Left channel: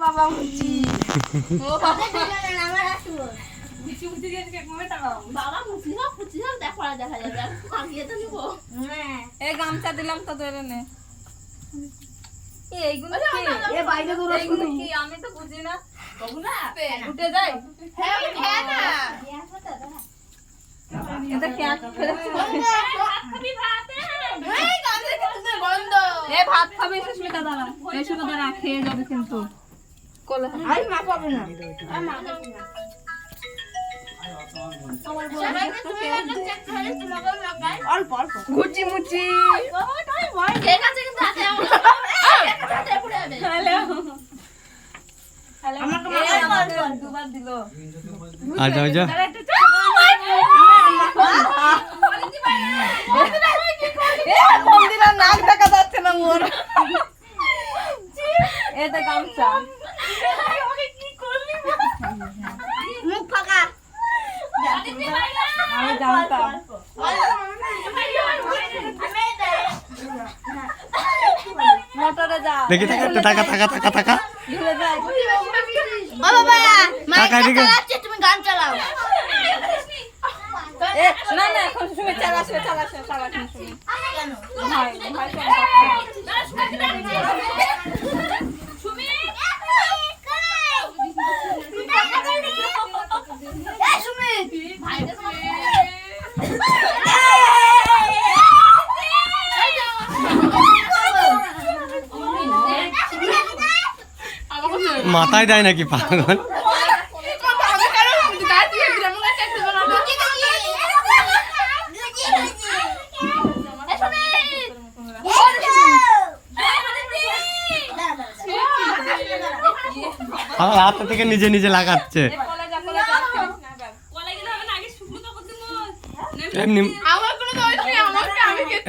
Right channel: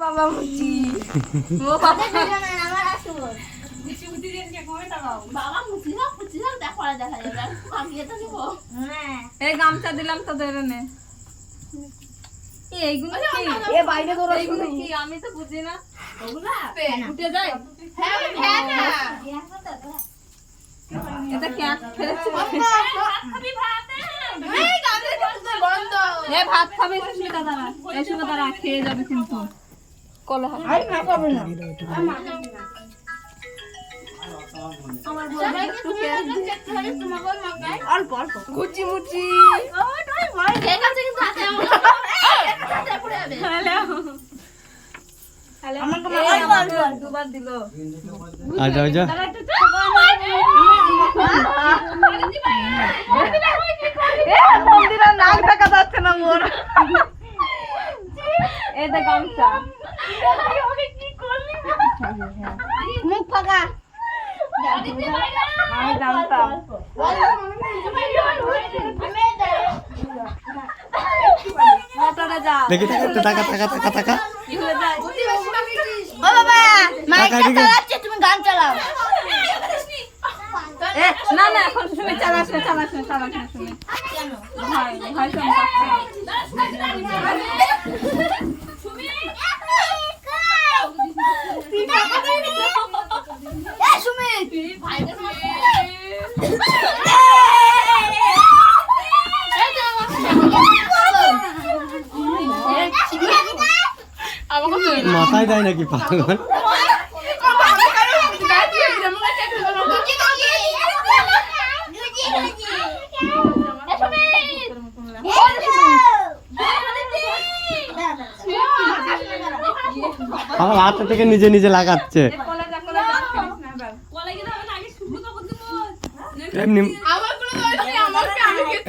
বাবা মুচি ও কথা জানেন আমার আসবো মুচি মুচি দিয়ে কি কমেটা দাও বাবা মুচি না মুচি না দেখা যাবে আমি এটা নিব হ্যাঁ এই গামছা দিলাম তোদের এনে এইগুলো কি এ বাইরে করে এইগুলো কি আমি তো বুঝি না ওগুলা উঠে যায় হ্যাঁ হ্যাঁ না এটা ক্যাট ফেলেছি আমি ভাত এই গালে কিন্তু বন্ধ এ ভাত খাবে সুস্মিতা দাঁড়া এই সুস্মিতা দাঁড়া খেয়ে যাবে কিন্তু কলা আই মা খাবে না আমার বড় একটু খেয়ে তোমাকে মাখাই অল্প অল্প মুচি মুচি ওটাই ভয় ঠিক আছে কিন্তু হাতে আমার হাতে পড়ে যাবে হ্যালো আমাকে দুবার দিল আর যাও যা মন্দিরের নাক দেখা যাচ্ছে না মোর এই যে গামছা মুখ ফাঁকা আমি জানতাম মোটরে যাও দেখি টাকা ঘুরে যায় ও বাবা টাকা মাইক দিকে। চালাচ্ছে তুমি গান চালাও এ না না এখন শুনে চালাচ্ছে শুনে কেন ভাই ভাই মাথায় দেয় নাকি পাগল আমার হাত থেকে নিজে নিজে লাগাচ্ছে এমনি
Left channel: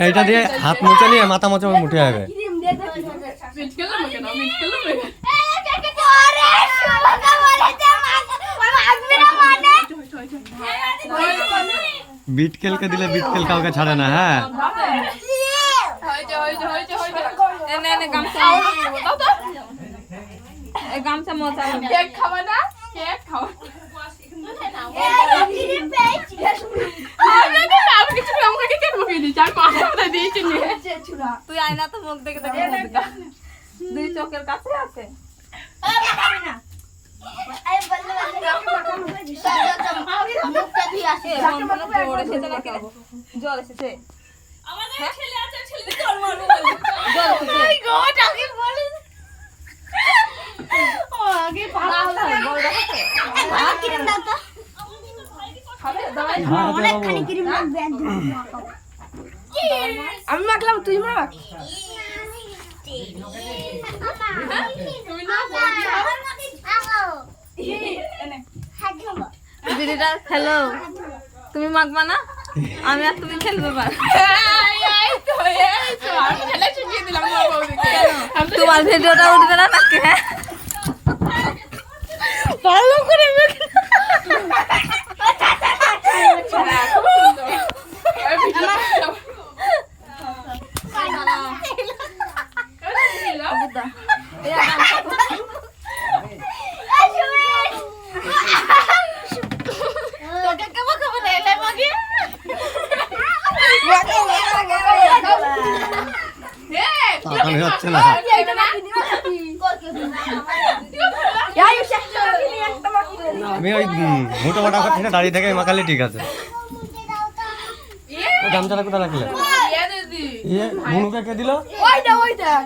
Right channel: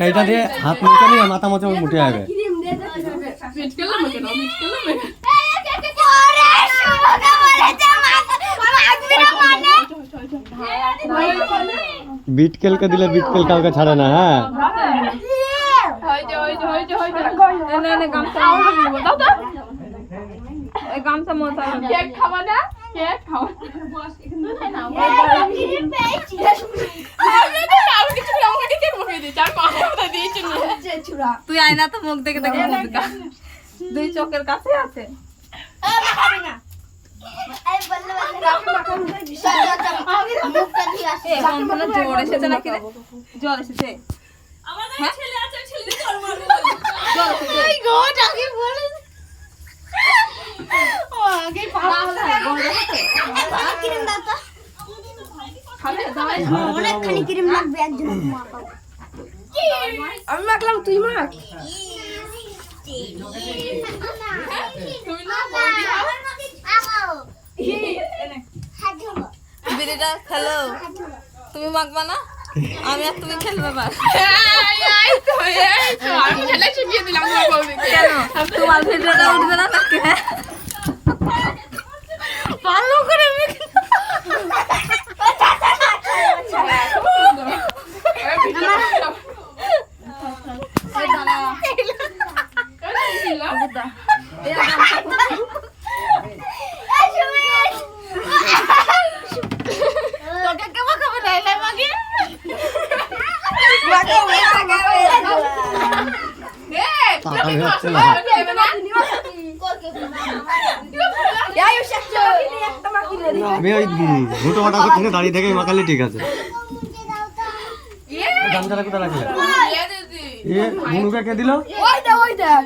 এইটা দিয়ে হাত মোচা নিয়ে মাথা মোচা মুঠে যাবে বিটকেলকে দিলে বিটকেল কাউকে ছাড়ে না হ্যাঁ গামছা মোচা কেক খাবা না কেক খাও আমি কিছু আমাকে কেক মুখে দিই আর মাথা দিয়েছি তুই আয়না তো মুখ দেখে দেখে দুই চোখের কাছে আছে জ্বর এসেছে নাকি রে জ্বর এসেছে অনেকখানি ক্রিম লাগবে একদম মাখাও আমি মাখলাম তুই মাখ দিদিটা খেলো তুমি মাখবা না আমি আর তুমি খেলবো বাস আমি খেলা শিখিয়ে দিলাম তোমার বৌদিকে কেন তোমার ভিডিওটা উঠবে না নাকি ভালো করে তাকানো হচ্ছে না আমি ওই ঘুটো বাটা করছি না দাঁড়িয়ে থেকে মাখালে ঠিক আছে গামছাটা কোথায় রাখলে ইয়ে ভুনুকে কে দিল ওই দেখ